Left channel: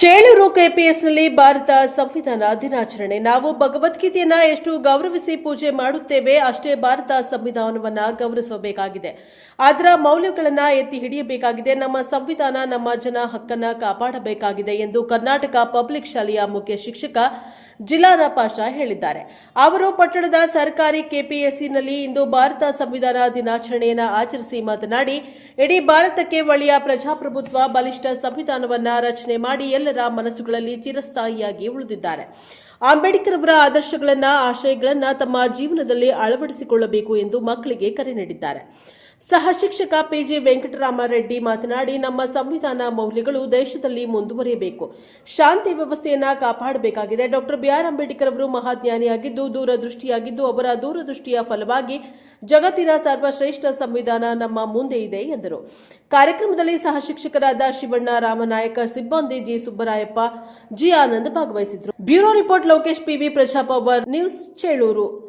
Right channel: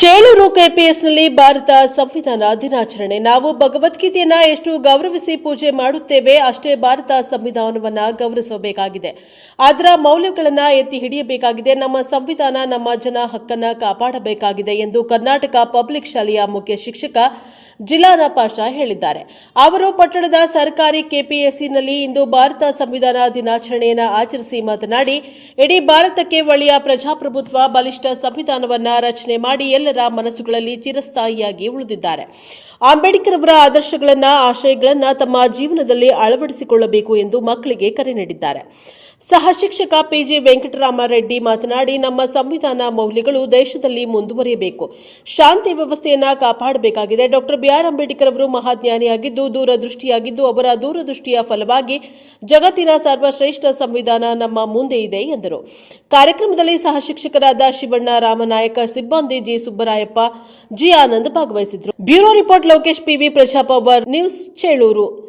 ಚೇಳೂರು ಕೆಪಿಎಸ್ನಲ್ಲಿ ಭಾರತ ಸಂವಿಧಾನ ದಿನಾಚರಣೆ. ನಾವು ಭಗವದ್ಗೀತೆಯನ್ನು ಎಷ್ಟು ಗೌರವಿಸಿ ಪೂಜೆ ಮಾಡುತ್ತೇವೆ, ಅಷ್ಟೇ ಭಾರತ ಸಂವಿಧಾನವನ್ನು ಗೌರವಿಸಬೇಕಾಗಿದೆ. ಅದರ ಮೌಲ್ಯಗಳನ್ನು ಎತ್ತಿ ಹಿಡಿಯಬೇಕಾಗಿದೆ. ನಮ್ಮ ಸಂವಿಧಾನ, ನಮ್ಮ ಜನ ಹಕ್ಕನ್ನು ಕಾಪಾಡಬೇಕಾಗಿದೆ ಎಂದು ಕರ್ನಾಟಕ ಪಬ್ಲಿಕ್ ಶಾಲೆಯ ಮುಖ್ಯ ಶಿಕ್ಷಕ ಜಿಲಾನ ಪಾಷಾ ಹೇಳಿದ್ದಾರೆ. ಅವರು ಪಟ್ಟಣದ ಸರ್ಕಾರಿ ಕೆಪಿಎಸ್ಸಿನಲ್ಲಿ ಇಂದು ಭಾರತ ಸಂವಿಧಾನ ದಿನಾಚರಣೆಯನ್ನು ಆಚರಿಸಿ ಮಾತನಾಡಿ, ಇಡೀ ಭಾರತಕ್ಕೆ ಒಳ್ಳೆಯ ಪ್ರಜಾಪ್ರಭುತ್ವ ಬಲಿಷ್ಠ ಸಂವಿಧಾನವನ್ನು ರಚನೆ ಮಾಡಿ ಎಲ್ಲರ ಮನಸ್ಸುಗಳಲ್ಲಿ ಚಿರಸ್ಥಾಯಿಯಾಗಿ ಉಳಿದಿದ್ದಾರೆ. ಅಂಬೇಡ್ಕರ್ ಅವರ ಆದರ್ಶಗಳನ್ನು, ಆಶಯಗಳನ್ನು ತಮ್ಮ ಜೀವನದಲ್ಲಿ ಅಳವಡಿಸಿಕೊಳ್ಳಬೇಕು ಎಂದು ಮಕ್ಕಳಿಗೆ ಕರೆ ನೀಡಿದ್ದಾರೆ. ಸಹ ಶಿಕ್ಷಕ ಪಿಜಿ ವೆಂಕಟರಾಮರೆಡ್ಡಿ ಮಾತನಾಡಿ, ನಮ್ಮ ಸಂವಿಧಾನ ಮೌಲ್ಯಗಳು ದೇಶದಲ್ಲಿ ಮುಂದುವರಿಯಬೇಕು. ಶಾಂತಿ ವ್ಯವಸ್ಥೆಯನ್ನು ಕಾಪಾಡಬೇಕಾಗಿದೆ. ಡಾಕ್ಟರ್ ಬಿಆರ್ ಅಂಬೇಡ್ಕರ್ ಅವರು ಮಹಾಜ್ಞಾನಿಯಾಗಿದ್ದು, ದೂರದೃಷ್ಟಿಯಾಗಿದ್ದು, ಅವರ ದೂರದೃಷ್ಟಿಯ ಫಲವಾಗಿ ಜಗತ್ತಿನ ಸರ್ವಶ್ರೇಷ್ಠ ಸಂವಿಧಾನ ನಮ್ಮ ಮುಂದೆ ಇದೆ, ಎಂದರು. ಕಾರ್ಯಕ್ರಮದಲ್ಲಿ ಸಹ ಶಿಕ್ಷಕರಾದ ಶಿವಣ್ಣ ರಾಮನಾಯಕ, ಸಿಬ್ಬಂದಿ G. Subbarayappa, G. Anand ಭಾಗವಹಿಸಿದ್ರು bureau report Lokesh PV Prajapower, news Chelur.